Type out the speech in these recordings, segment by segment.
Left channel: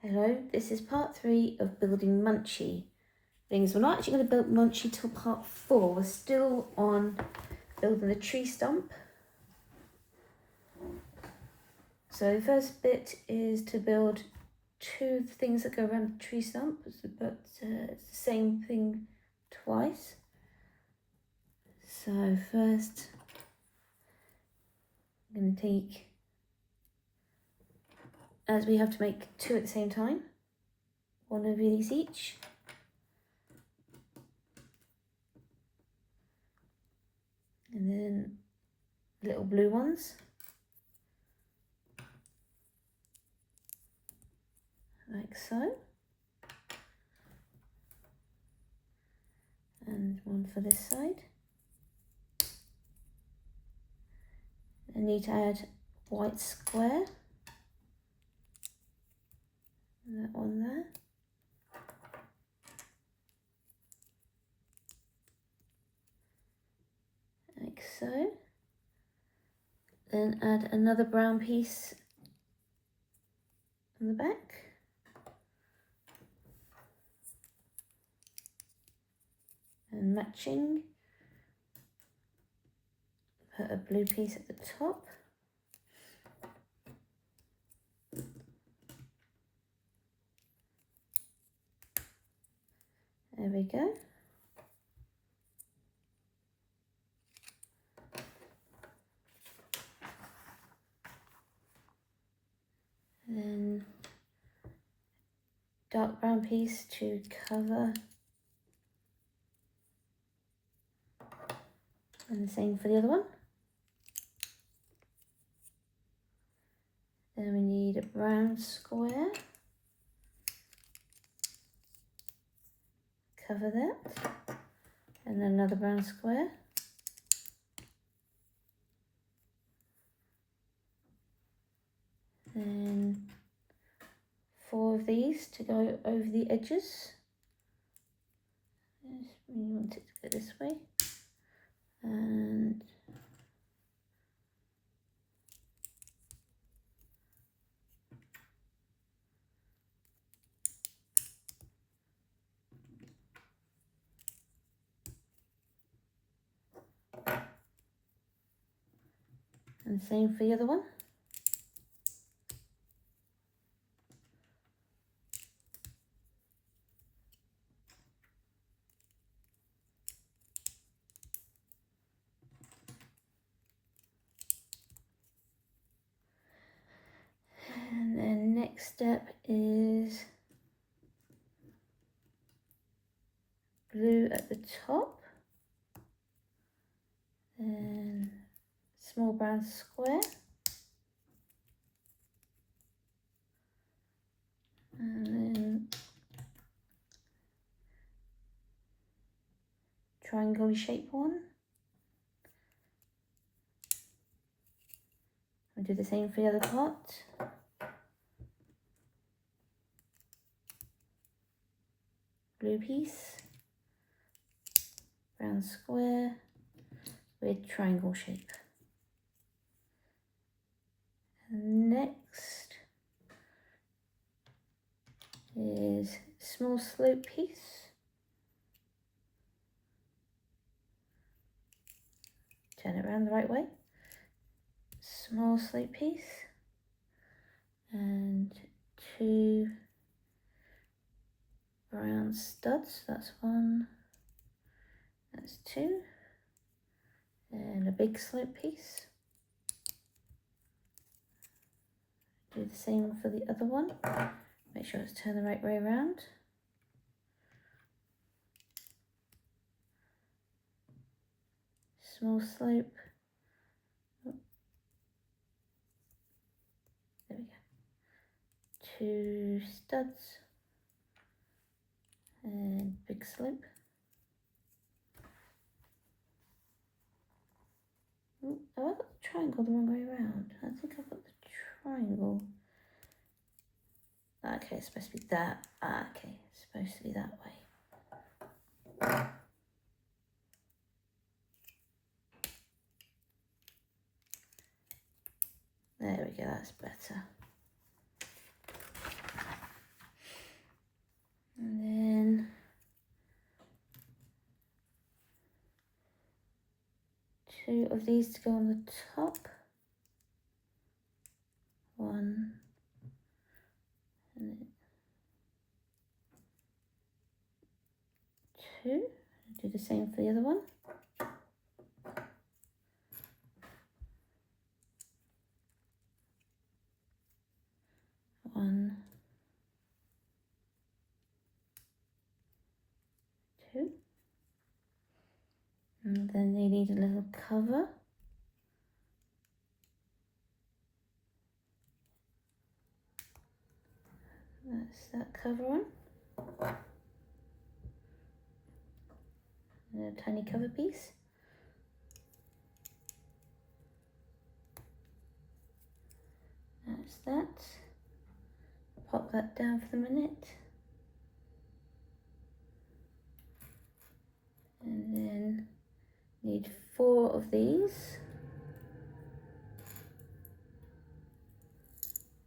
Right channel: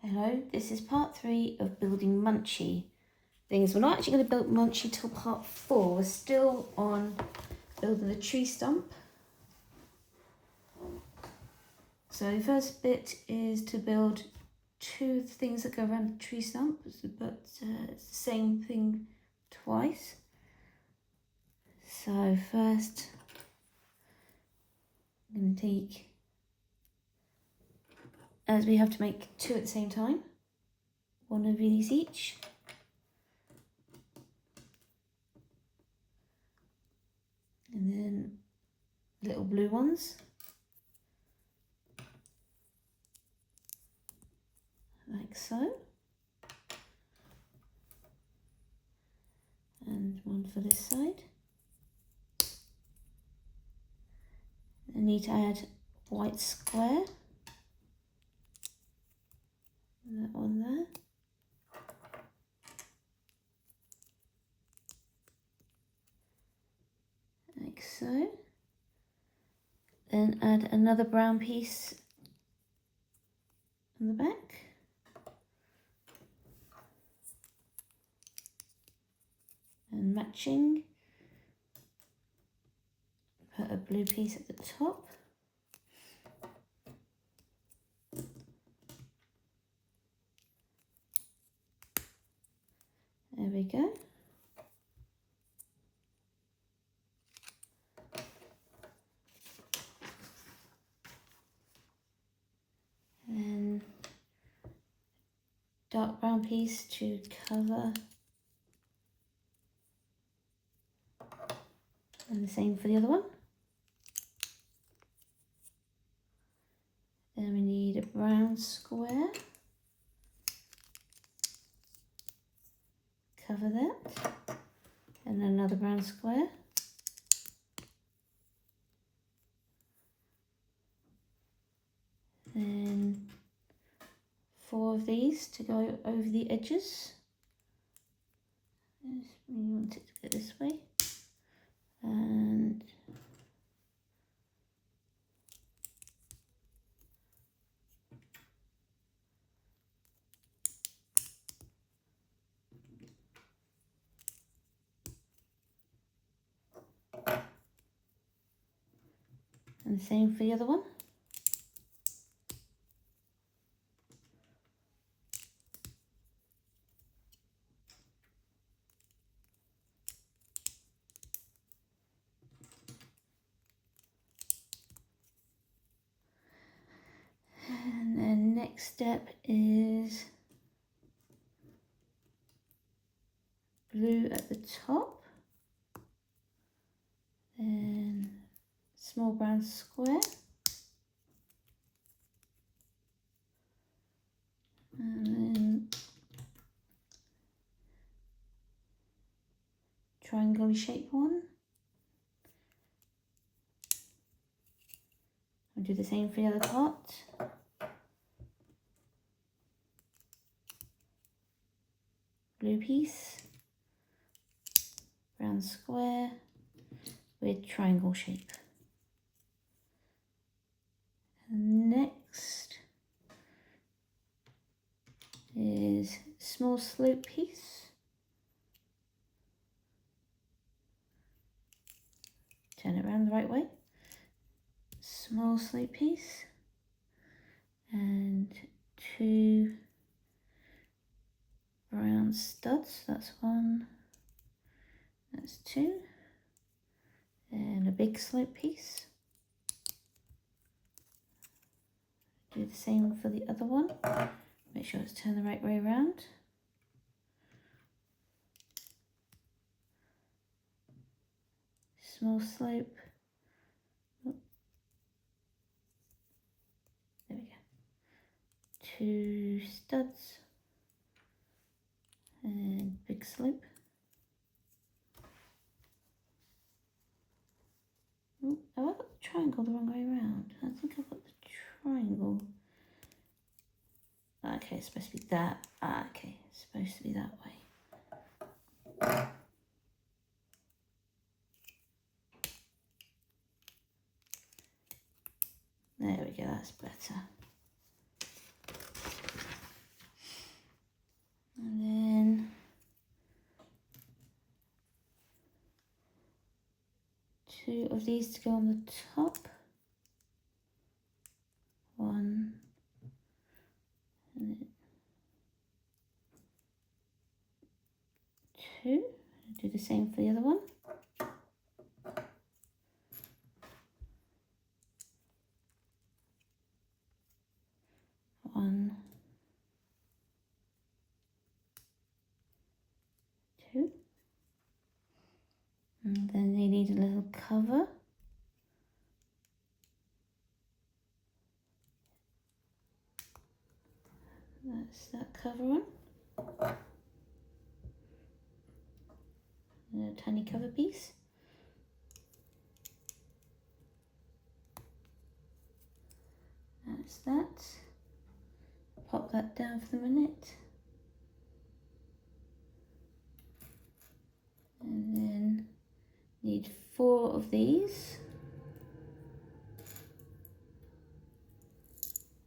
Hello, this is part 3 of building Munchie things. We're not actually going to build Munchie till part 4. We're still on building the tree stump. So the first bit is to build 2 things that go around the tree stump, but it's the same thing twice. So first I'm going to take, as we have to make 2 at the same time, 1 of these each. And then little blue ones. Like so. And 1 for this side. I need to add white square. And that one there. Like so. And add another brown piece on the back. And matching, put a blue piece at the top. There we go. Then dark brown piece to cover. And the same for the other one. Then we need a brown square. Cover that. And another brown square. And 4 of these to go over the edges. Just really want it to go this way. And the same for the other one. And then next step is blue at the top. And small brown square. And then triangle shape one. I'll do the same for the other part. Blue piece, brown square with triangle shape. And next is small slope piece. Turn it around the right way. Small slope piece and 2 brown studs. That's 1, that's 2, and a big slope piece. Do the same for the other one. Make sure it's turned the right way around. Small slope. There we go. 2 studs and big slope. Oh, have I got the triangle the wrong way around? I think I've got the triangle. Okay, it's supposed to be that. Okay, it's supposed to be that way. There we go, that's better. 2 of these to go on the top. 1 and 2. Do the same for the other one. 1, 2. And then they need a little cover. That's that cover on. And a tiny cover piece. That's that. Pop that down for a minute. And then need 4 of these.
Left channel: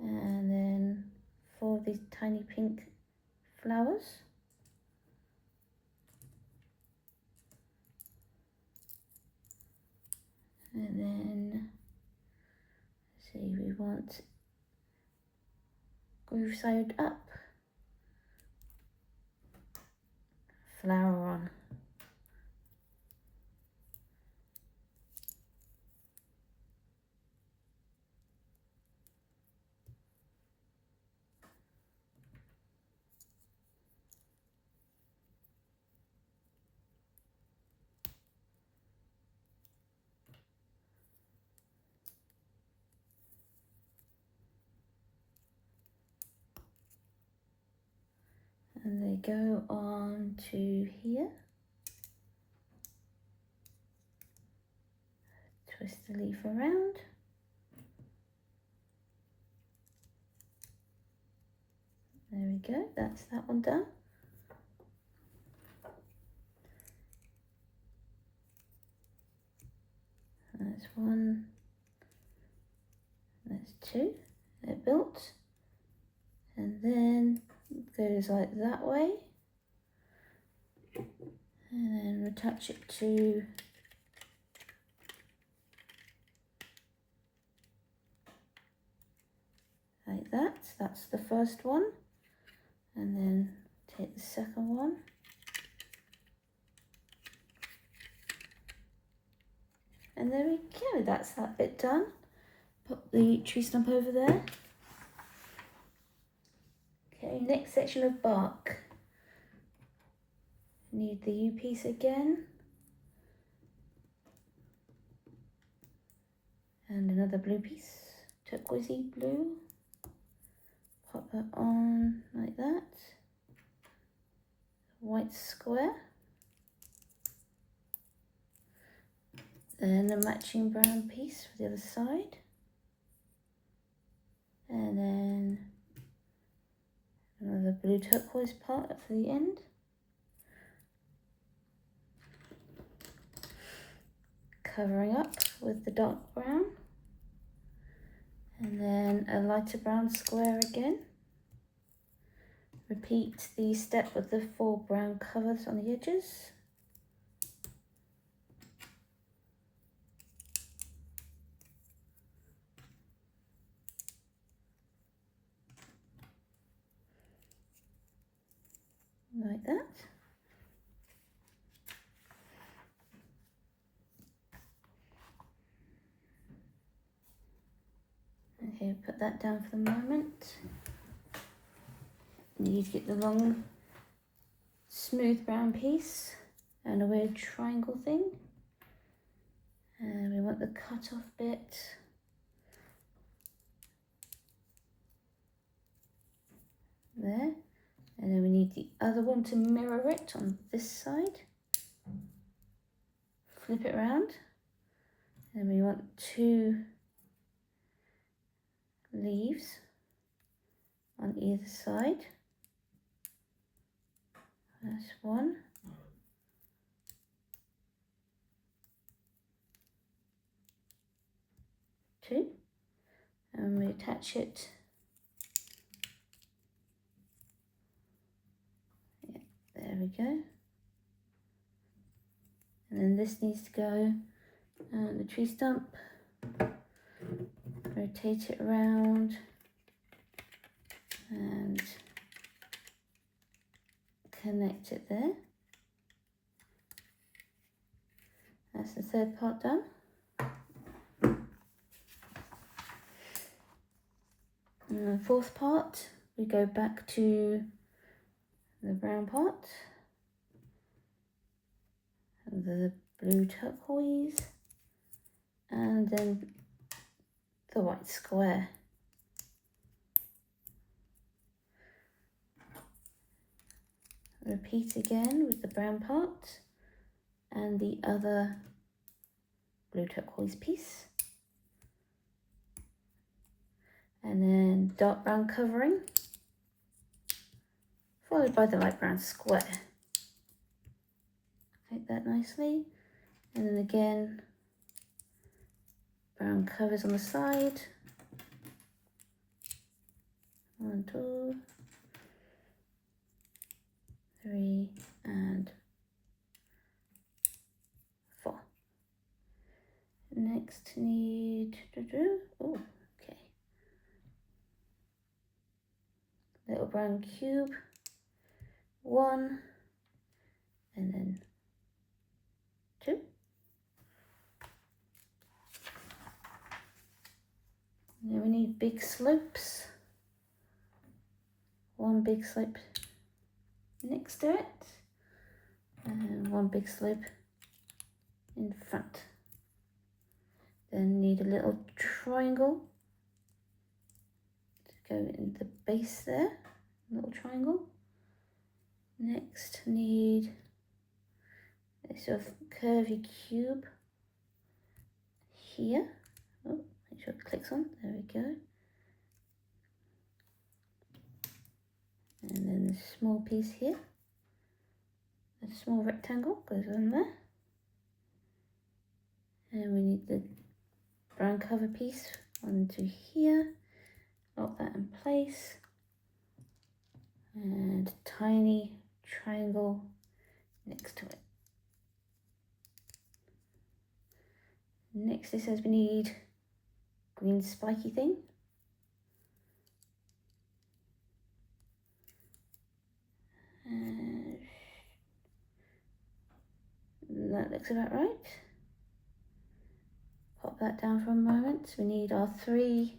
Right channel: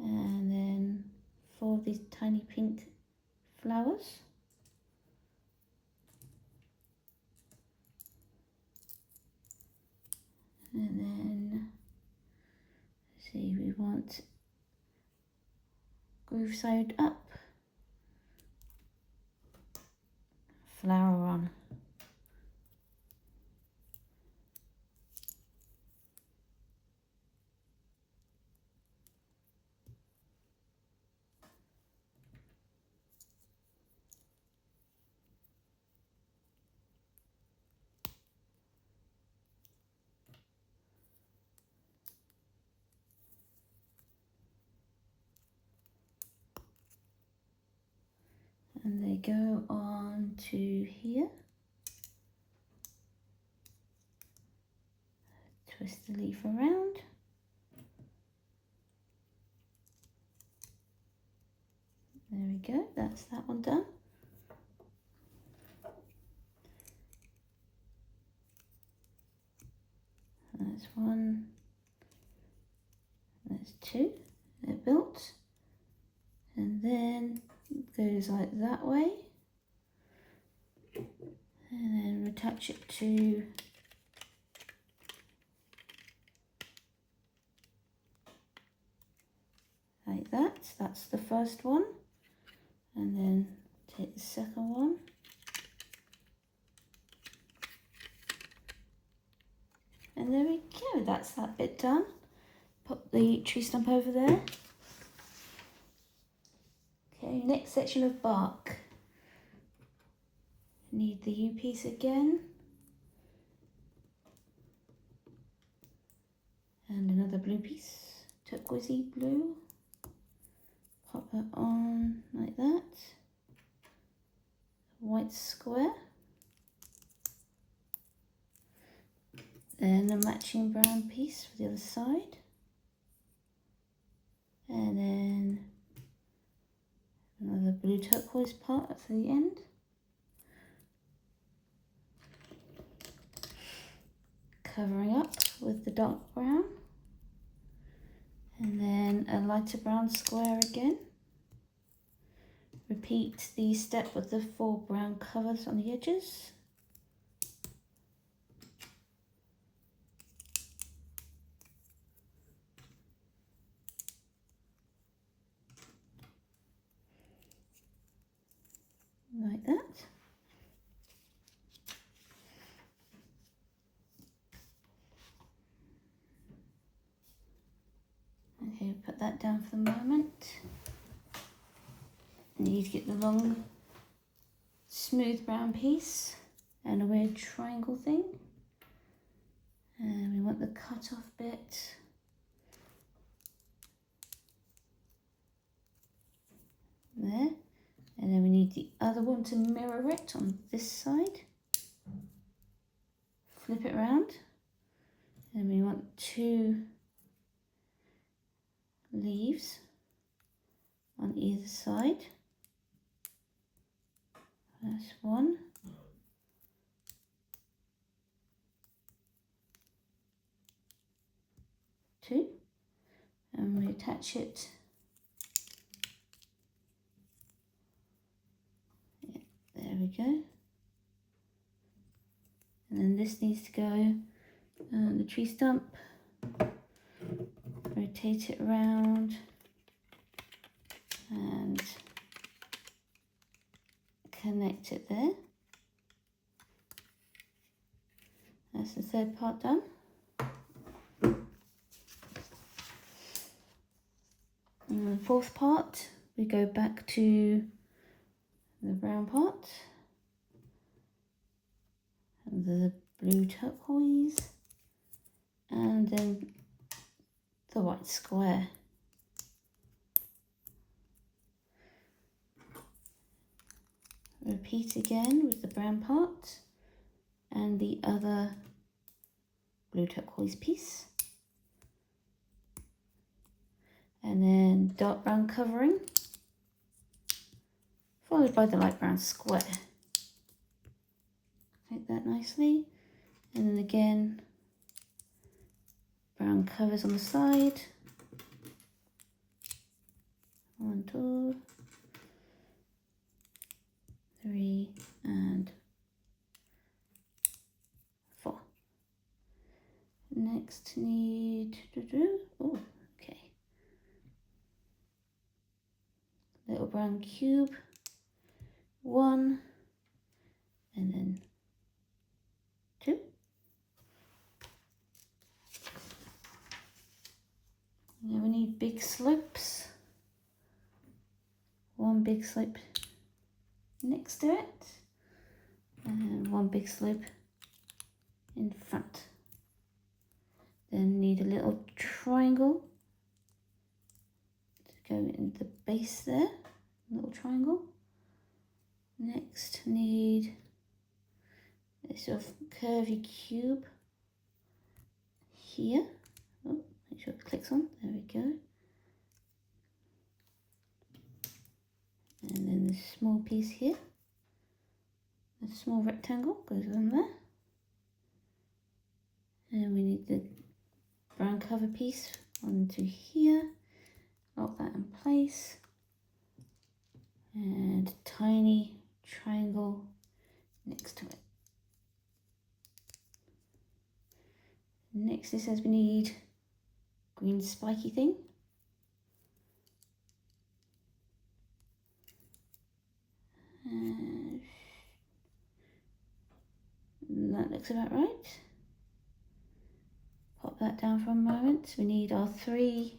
And then 4 of these tiny pink flowers. And then, see, we want groove side up, flower on. And they go on to here. Twist the leaf around. There we go, that's that one done. That's 1, that's 2, they're built. And then goes like that way. And then attach it to like that. That's the first one. And then take the second one. And there we go, that's that bit done. Pop the tree stump over there. Okay, next section of bark. Need the U piece again. And another blue piece, turquoisey blue. Pop that on like that. White square. Then a matching brown piece for the other side. And then another blue turquoise part for the end. Covering up with the dark brown. And then a lighter brown square again. Repeat the step with the 4 brown covers on the edges. Like that. Okay, put that down for the moment. And you get the long, smooth brown piece and a weird triangle thing. And we want the cut off bit. There. And then we need the other one to mirror it on this side. Flip it around. And we want 2 leaves on either side. That's 1. Two. And we attach it. Yeah, there we go. And then this needs to go and the tree stump, rotate it around and connect it there. That's the third part done. And the fourth part, we go back to the brown part, the blue turquoise, and then the white square. Repeat again with the brown part and the other blue turquoise piece. And then dark brown covering, followed by the light brown square. Like that nicely. And then again, brown covers on the side. 1, 2, 3, and 4. Next need, oh, okay. Little brown cube, 1, and then 2. Now we need big slopes. 1 big slope next to it, and 1 big slope in front. Then need a little triangle to go in the base there, little triangle. Next need a sort of curvy cube here. Oh, make sure it clicks on, there we go. And then the small piece here, a small rectangle goes on there. And we need the brown cover piece onto here, lock that in place, and a tiny triangle next to it. Next it says we need green spiky thing. And that looks about right. Pop that down for a moment. We need our 3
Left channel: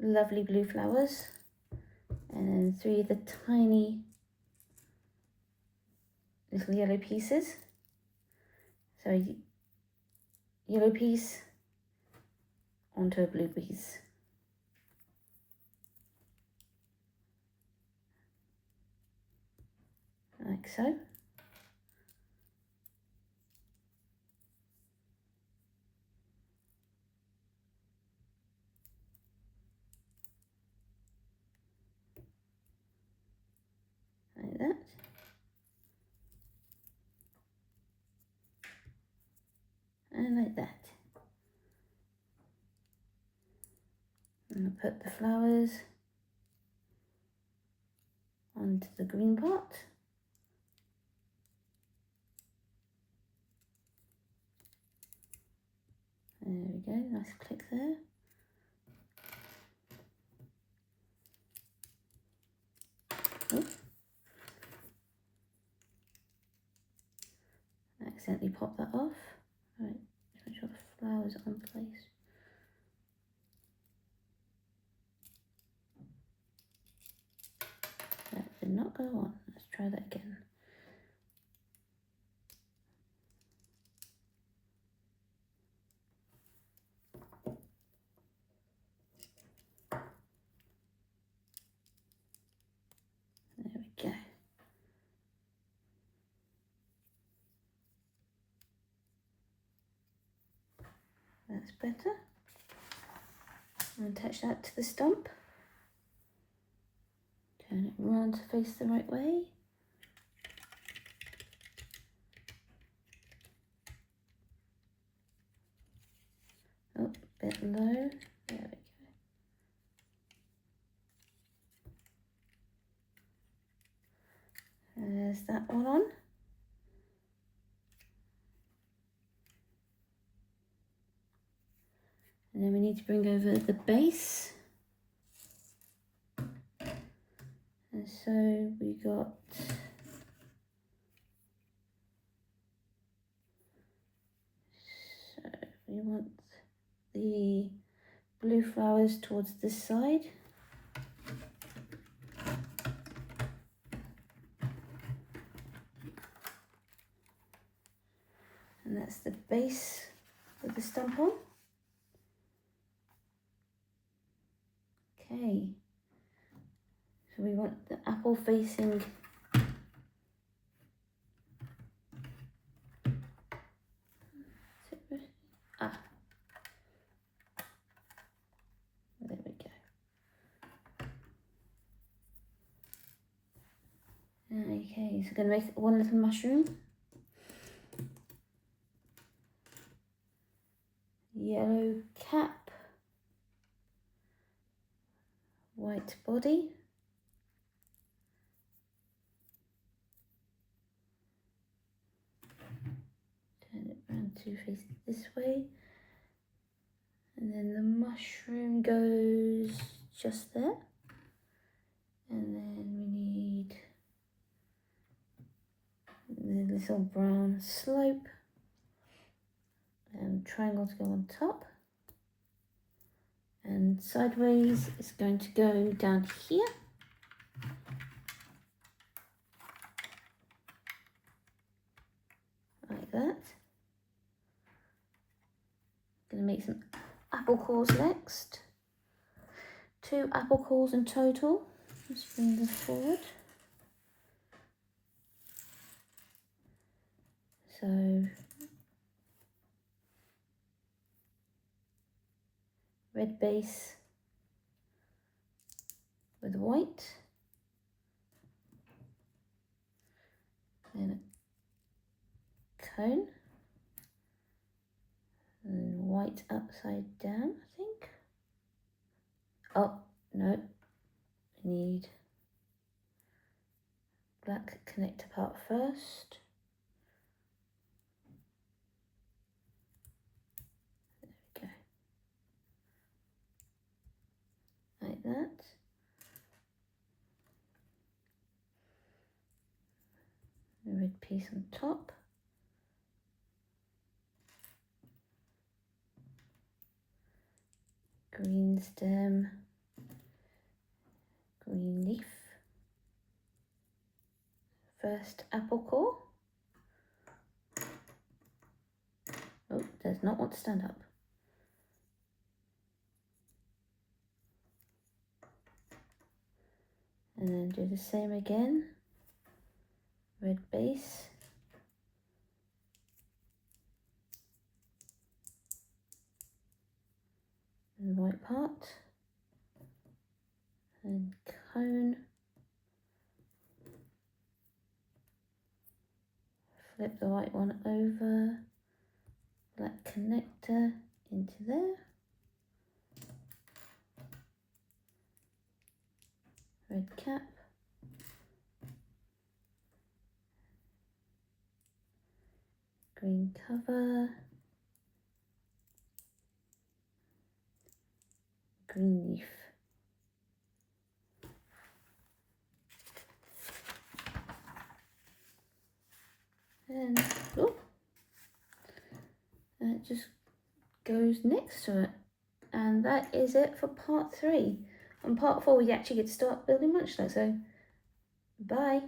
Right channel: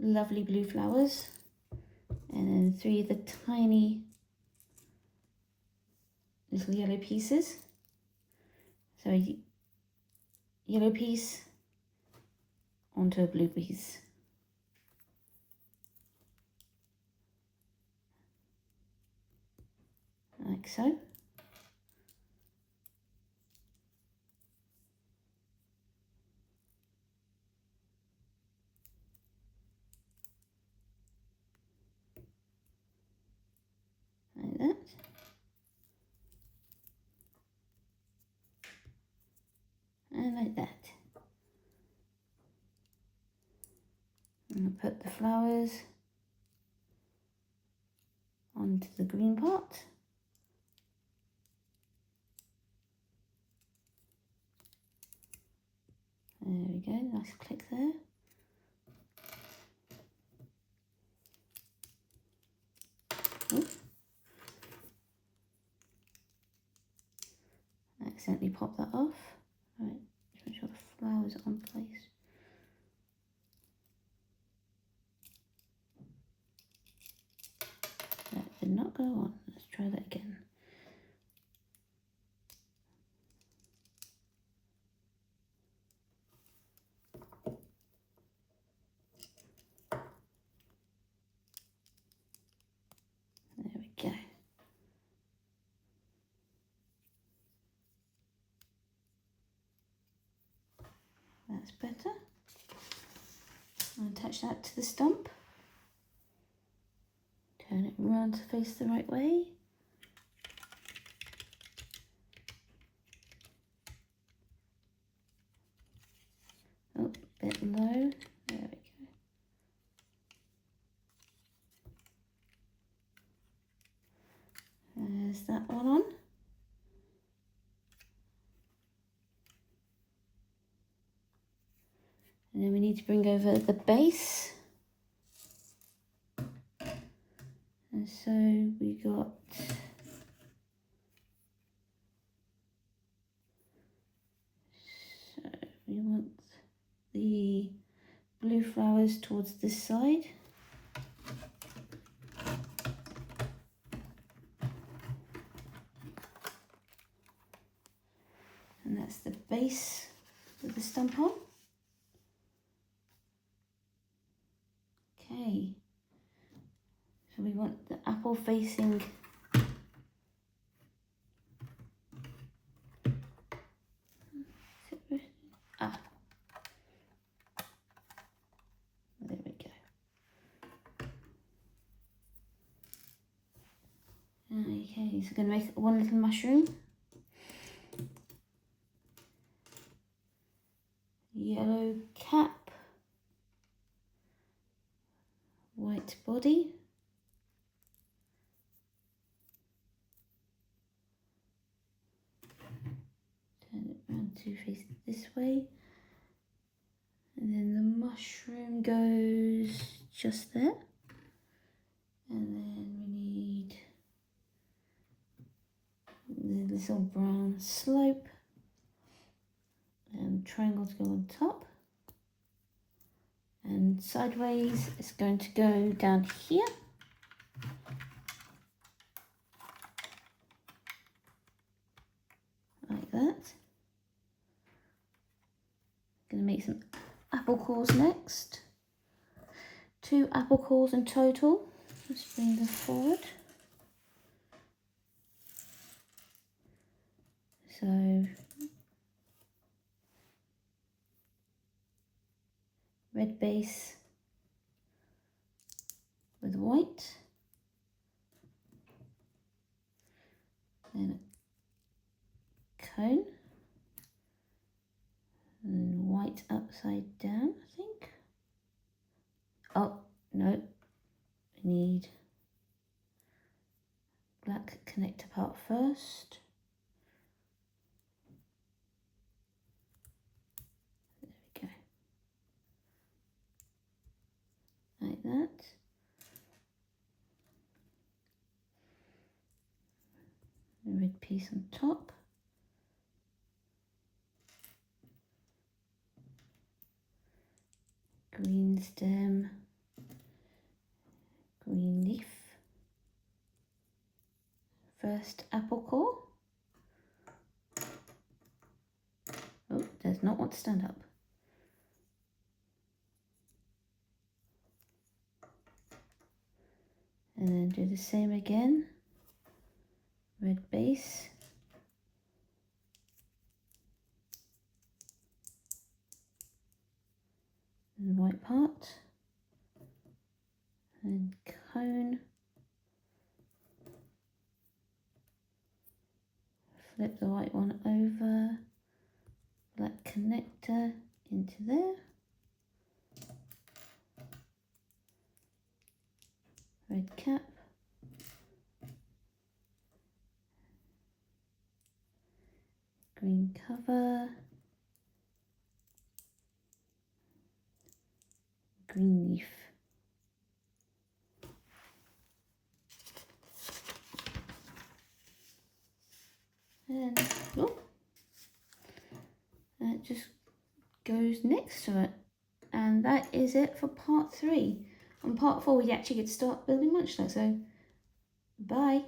lovely blue flowers, and then 3 of the tiny little yellow pieces. So yellow piece onto a blue piece. Like so. Like that. And like that. And I'll put the flowers onto the green part. There we go, nice click there. Oops. Accidentally pop that off. Right, just make sure the flowers are on place. That did not go on. Let's try that again. There we go. That's better. I'll attach that to the stump. Turn it around to face the right way. Oh, bit low. There we go. There's that one on. need to bring over the base. And so we got we want the blue flowers towards this side. And that's the base with the stump on. Okay, so we want the apple facing there we go. Okay, so I'm going to make one little mushroom. Yellow cap, white body, turn it around to face it this way, and then the mushroom goes just there, and then we need the little brown slope and triangle to go on top. And sideways it's going to go down here. Like that. Going to make some apple cores next. 2 apple cores in total. Let's bring this forward. So red base with white, then a cone, and white upside down, I think. Oh no, we need black connector part first. There we go. Like that. A red piece on top. Green stem, green leaf. First apple core. Oh, does not want to stand up. And then do the same again. Red base. And white part. And cone. Flip the white one over. Black connector into there. Red cap. Green cover. Green leaf. And oh, that just goes next to it. And that is it for part 3. On part 4 we actually get to start building Munchlax. So bye.